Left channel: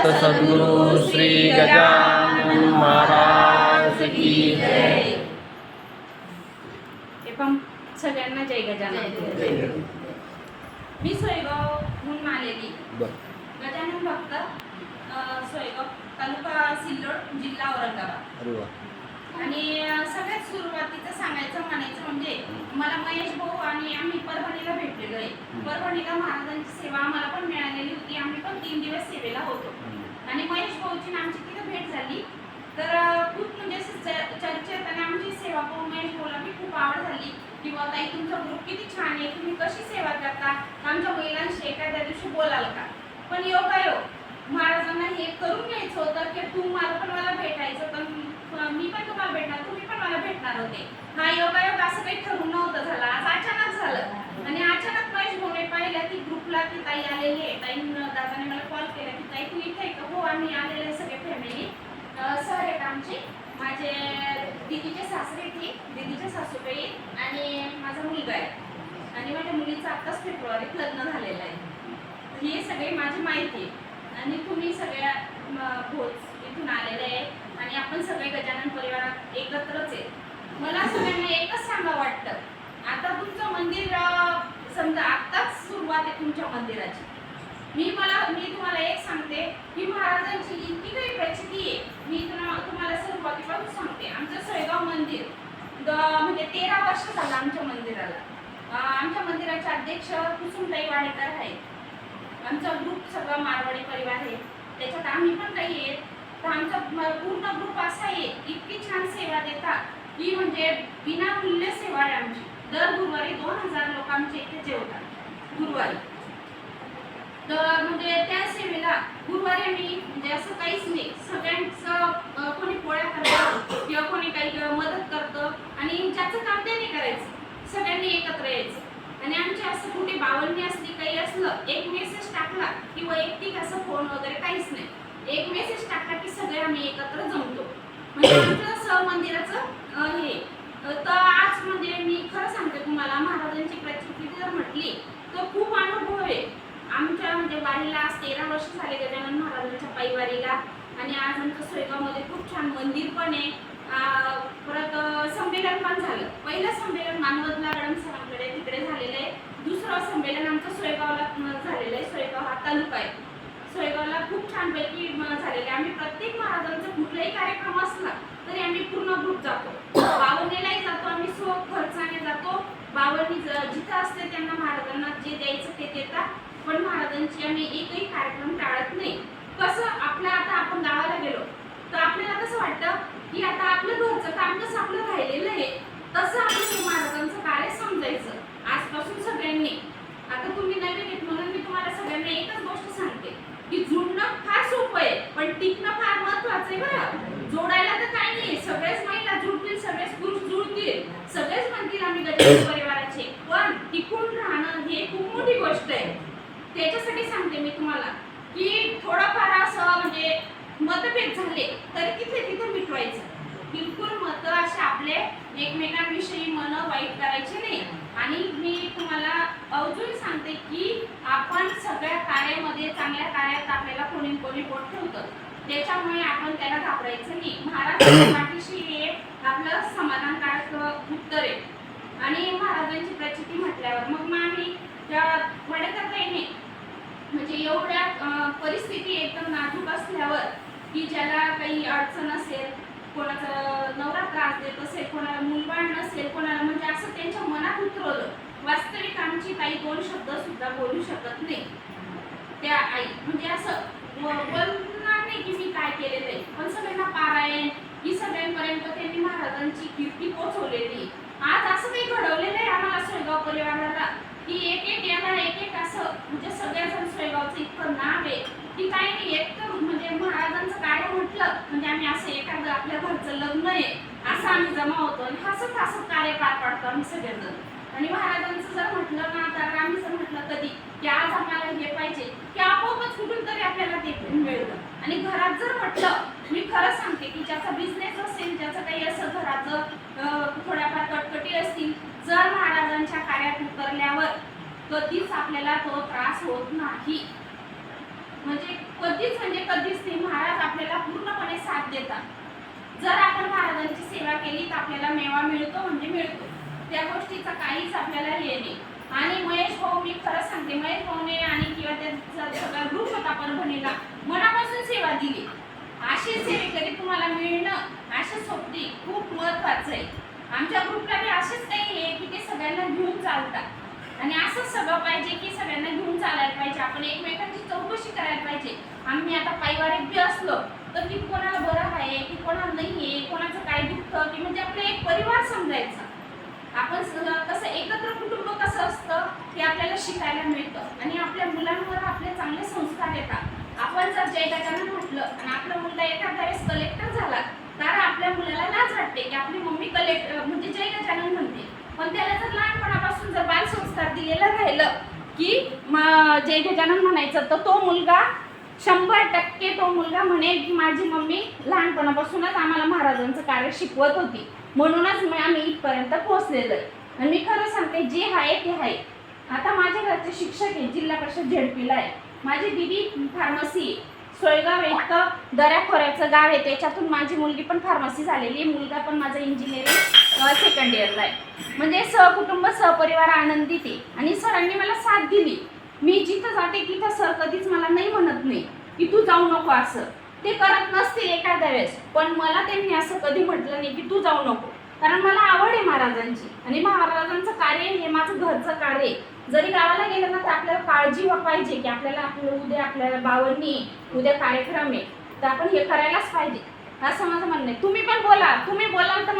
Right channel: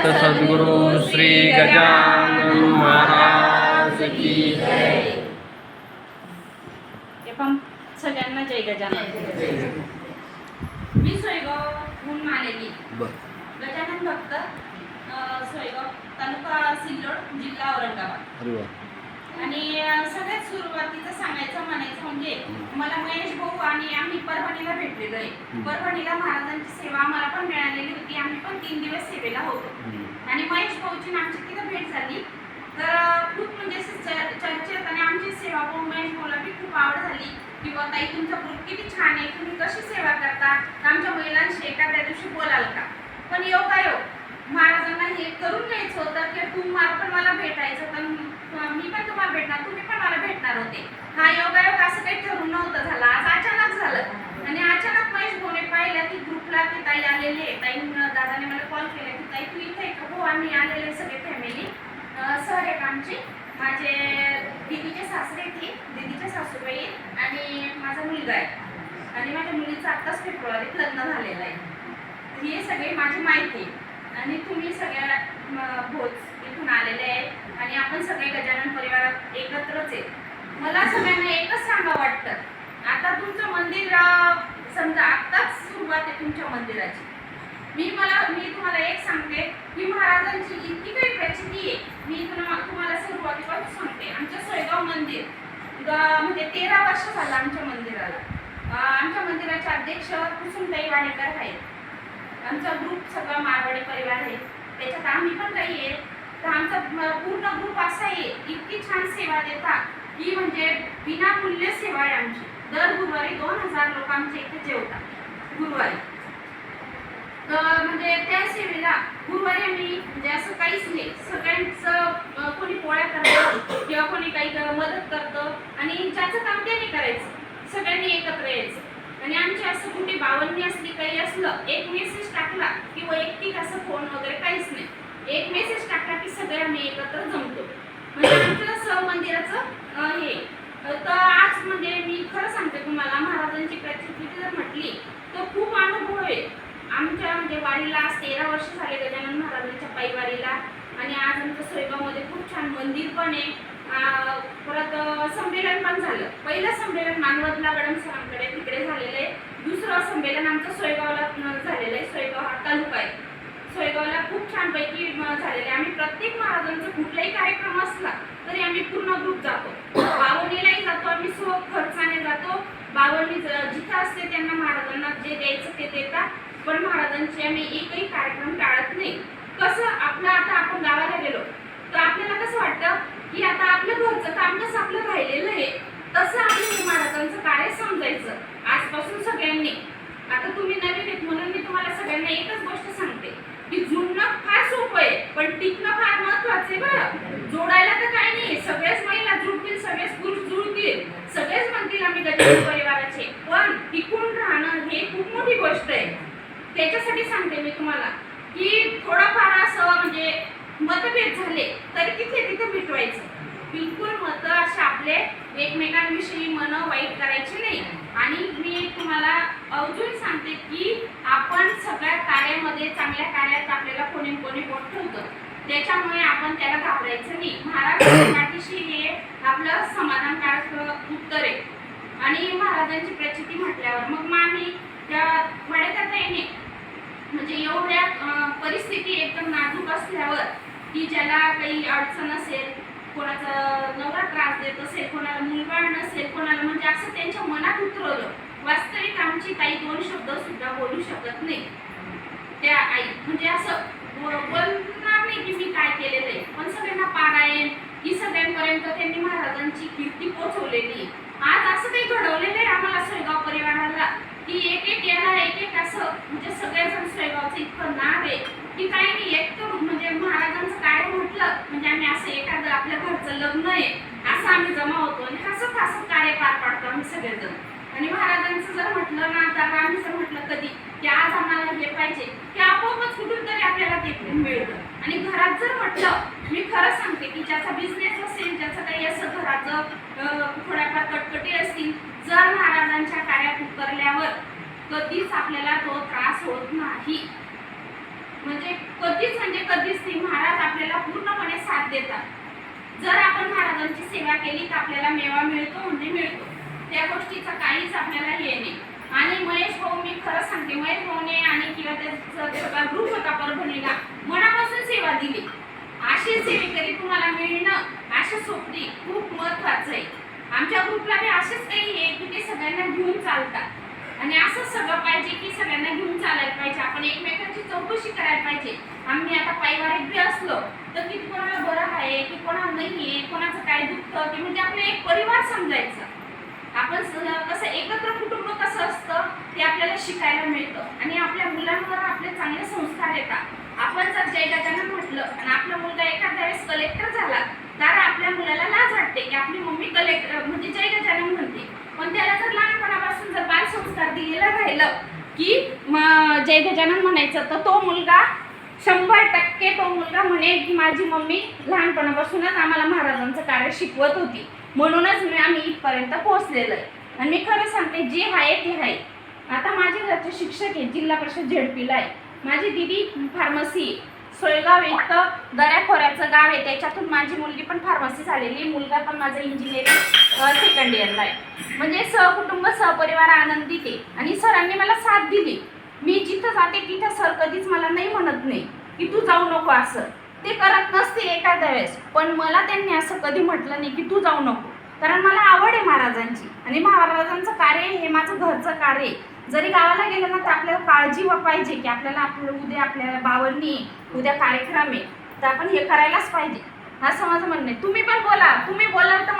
सद्गुरु श्री गजानन महाराज की जय. सगळ्यांना जय गजानन. मी सोयगावहून आलेली गजानन भक्त, सोयगाव तालुका सिल्लोड, जिल्हा औरंगाबाद. आणि सगळ्यात सुरुवातीचं सांगायचं म्हणायचं म्हणजे मला महेश भाऊ आणि आम्ही परभणीला भेटलेलो आहे. परभणीला महाराजांची सेवा आम्हाला पण मिळालेली होती. आम्ही पण 3 दिवस सेवेला होतो आणि महेश भाऊची आमची तिथं भेट झाली. तर खूप म्हणजे चर्चेत आणि आमची सेवा पाहून महेश भाऊला बी खूप आवड झाली की बा ताई तुमचा ग्रुप किती छान आहे, तुम्ही कशी सेवा करता, आमच्या महिलांशी एखाद्या दिवशी बोलाल का. पण योगायोग महाराजांना हे करून घ्यायचं होतं की तुम्हाला पण मला भेटायचं, तर मी पण तुम्हाला भेटणार, तुम्ही पण मला भेटणार होते. हा योगायोग असं काही ठरून नव्हतं झालं, आज अचानक झालं. आणि अचानक महेश भाऊने पाहिलं की ग्रुपला की ताई आलेले आहे. ताई दादाने मला कॉल केला की ताई तू इथे का. हो आम्ही आलेले सगळे फॅमिली. सर आहेत आमचे, माझे दीदीचे सासरे ती, दीदीचे सासूबाई आणि माझा मुलगा आहे. आणि माझ्या मुलीचं आत्ताच फेब्रुवारीत लग्न झालेलं आहे. हे सगळे माझी माहिती आहे. आणि तुम्ही सगळ्या भोज इथून आलेले आहे आणि आपण सगळे गजानन परिवारात एकत्रच आहे. मला सगळ्यांना एकच सांगा वाटतं, आता तुमचं मंदिर समजा आत्ताच सुरुवात आहे तुमच्या मंदिराची. मी तुम्हाला एक सांगते की महाराजांची इतकी काही प्रचिती आहे. मी तुम्हाला सुरुवातीपासून सांगते. आमचं सोयगाव मंदिर म्हणजे 13 वर्ष झालं आमच्या मंदिराला. आमच्या मंदिराचे अध्यक्ष कुसुमताई वाडेकर आहेत. आमचा ग्रुप सगळा मारवाडी परिवार आहे, त्याच्यात आम्ही पण काही आहे. तर आमचा पूर्ण ग्रुप असा आहे, इतकी छान सेवा देतात की म्हणजे विनामूल्य सेवा आहे आमची. दर गुरुवारी 2000 लोक आमच्या इथे जेवतात गुरुवारी. तर म्हणजे त्या सेवेला गुरुवारी आम्ही म्हणजे असं काहीच नाही, सगळ्यांचं कोणी पोळ्या करतं किंवा कोणी काही मदत करतं आणि ज्याचं काम ते नाही करायचं, सगळ्यांनी एकत्र यायचं. आणि आमची असं कुठे बावन्नी असली काही असलं, एक मेसेज टाकला की वैयक्तिक असं फोन वगैरे काहीच नाही, एक मेसेज टाकला की सगळे आम्ही एकत्र जमतो. म्हणजे आमचं मंदिराचं हे. तर आज म्हणजे मी खरं सांगते तुम्हाला, महाराजांची प्रचिती जर म्हटली तर खूप अनुभव आहे आमच्या. म्हणजे वारीला आज 13 वर्ष झाले गजानन महाराजांच्या पायवारीला. आणि आज आमच्या सोयगावमध्ये खूप छान मंदिर पण आहे. परत संमेलन पण झालं. पहिलं संमेलन मानवतला गडम सरांकडे तिकडे झालेलं आहे. दुसरं संमेलन आमचं सोयगावला झालेलं आहे. सोयगाव हा तालुका आहे. सोयगावला खूप छानपैकी झालेले. आम्ही प्रत्येक महाराजांचा कुठलाही कार्यक्रम असला तरी आम्ही पूर्ण ग्रुप जातो. बावन्नीलाही जातो आम्ही, खर्चाने जातो. बावन्नी जिथं असते त्यांना महाराजांना जे द्यायचं ते देतात. पण महाराजांचे आम्ही एकही कार्यक्रम टाळत नाही. कसं आपलं आता आपण गावाला गेलो तर आपल्याला कसं वाटतं की आता आपलं घरचं काम कसं आपलं राहिलेलं आहे, तसं आपलं महाराजांचं कार्य समजायचं आजपासून सगळ्यांनी. आता तुम्ही नवीन आहेत म्हणून मी तुम्हाला सगळ्यांना एकच गोष्ट सांगते की जुळणं फार सोपं आहे पण टिकणं फार महत्वाचं आहे. बरं, जोडायला तर काही नाही, सगळेच महिला जुळतील, सगळेच पुरुष जुळतील, सगळेच म्हणतील आम्ही गजानन परिवाराचे, पण टिकून राहणं हे खूप मोठी गोष्ट आहे. त्याच्यासाठी सांगते मी तुम्हाला की थोडंफार असं म्हणजे मतभेद झाले तरी तिथे मिटवायचं. बिलकुल मत असे आपले एकमेकांविषयी मन वाईट करायचे नाही. आणि मी तुम्हाला अजून सांगते की आपण सगळ्या कार्यामध्ये, चांगल्या कार्यात आपल्याला कोणी बोट ठेवतं, त्याच्यामुळे आपण त्याला घाबरायचं नाही. महाराज पाठीशी हे आपलं समाधानकारक उत्तर आहे. आणि महाराजांची प्रचिती म्हटल्यावर मग आम्ही वडेकरता येणे म्हणजे एवढ्या परिस्थिती एकदम नाजूक असल्यावर की ज्याला काही अडचण असेल, कोणाचा नवरा त्रास देत असेल, कोणाला मुलबाळ नसेल, कोणाला म्हणजे असं त्यांच्या मनात उतरवलं. वास्तविक आमची ताई 2 शब्द सुद्धा बोलू शकत नाही. त्या आई म्हणजे असं बोलणार नाही की मी काय केलेलं आहे, पण सगळ्यांना पारायण ही सगळ्यांपर्यंत त्यांनी महाराजांची कीर्ती पोचवलेली. आज असं काही घडवलेलं आहे आम्हाला सोयगाव परिवाराला की एक याला एक असं म्हणजे सगळेजण सोयगावचं इतकं नाव आहे की काही नाही. एक तर म्हणजे महाराजांचं कार्य म्हटलं म्हणजे आम्ही असं एखादं आपल्या घरचं लग्न आहे असं आम्ही जमा होतो आणि हसत कार्य पार पाडतो आम्ही सगळेजण. आणि महाराजांचं जर म्हटलं ना, तर आम्ही जर म्हटलं कधी की आज आम्हाला हे पाहिजे की आपोआपच कुठून तरी आपल्याला ते मिळतं. आणि घरात जर म्हटलं, मी खरं सांगते की ज्याचा बिझनेस असेल, ज्याचं काही असं घराचं थोड्याफार कटकटी असतील, जर महाराजांच्या कार्यात उतरल्यावर कधीच आपल्याला तो त्रास होत नाही. म्हणजे कधीच ते महाराज आपल्याला पूर्णपणे साथ देतात। जर आपण महाराजांची सेवा केली तर आपल्याला मेवा मिळतो म्हणजे मिळतो, त्या गोष्टीचा काहीच आपल्याला हे नाही। आणि महेश भाऊ, मी खरं सांगते, महेश भाऊने आणि किंवा त्याचा सगळा ग्रुप होता परभणीला मनापासून सेवा दिली। अशी सेवेकरी तुम्हाला मिळणं, अशा सोबती खूप महत्त्वाचं आहे। आमच्या ग्रुपला बी असंच काही आहे की ते सगळ्यांना घेऊन चालतात आणि असंच सगळं पाहिजे की सगळ्यांना घेऊन चालायला पाहिजे, आपण एकमेकांची चौकशी करायला पाहिजे। आम्ही आता पारिवारिक बी असलो तर की कोणाला बरं आहे की कोणाला नाही आहे, कोणाचं काय दुखतं की म्हणजे आपलं एक परिवार समजायचा। आपण कसं एकत्र कुटुंब कसं असतं ते आपल्याला शिकायला मिळतं आणि आपल्या मुलांवर आपले चांगले संस्कार येतात। आपण जर जय गजानन म्हटलं आणि आपला मुलगा एखाद्या वेळेस कलेक्टर झाला तर आपल्या मुलाला लाज वाटते की आपली मम्मी कलेक्टर म्हणजे जय गजानन म्हणते, पण त्याला जर लहानपणापासून जर बालसंस्कार दिलेलं राहिलं की जय गजानन म्हणायचं तर तो मुलगा 100% तो मुलगा म्हणेल की माझी मम्मी लहानपणापासूनच आम्हाला महाराजांचं कार्य शिकवत होती, म्हणूनच आम्ही इथपर्यंत पोहोचलेलो आहे। आणि मी खरं सांगते, जे आहे ते आहे। आता माझ्या घरचे शिक्षक आहे, जिल्हा परिषद झेडपीला आहे, माझी दीदी फार्मसी, सोयगाव इथं दऱ्याखोऱ्याचं गाव आहे, त्याच्यातून माझी मुलगी पण फार्मसी झालेली, मुलगा पण माझा इंजिनिअरिंग सेकंड इयरला आहे। म्हणजे सहकुटुंब सहपरिवार आनंदित आहे आणि सरांनी मला साथ दिली। मी जिथं जाते तिथं सर कधीच मला नाही म्हणत नाही की तू जाऊ नको, असं ते करत नसतील एखाद्या वेळेस, पण मला त्यांनी असं कधी म्हटलं नाही की तू जाऊ नको, कारण मला आवड आहे महाराजांची आणि महाराजांचं कार्य हे माझं घरचं कार्य आहे। जरी गावाला गेलं ना तर आपल्याला काळजी पाहिजे की आपल्याला उद्या आपल्याला बावरणी, उद्या कार्यक्रम आहे तर आपण हे करायलाच पाहिजे, असं माझं म्हणणं आहे। तुम्ही पण बोला, तुम्ही बोलाल तर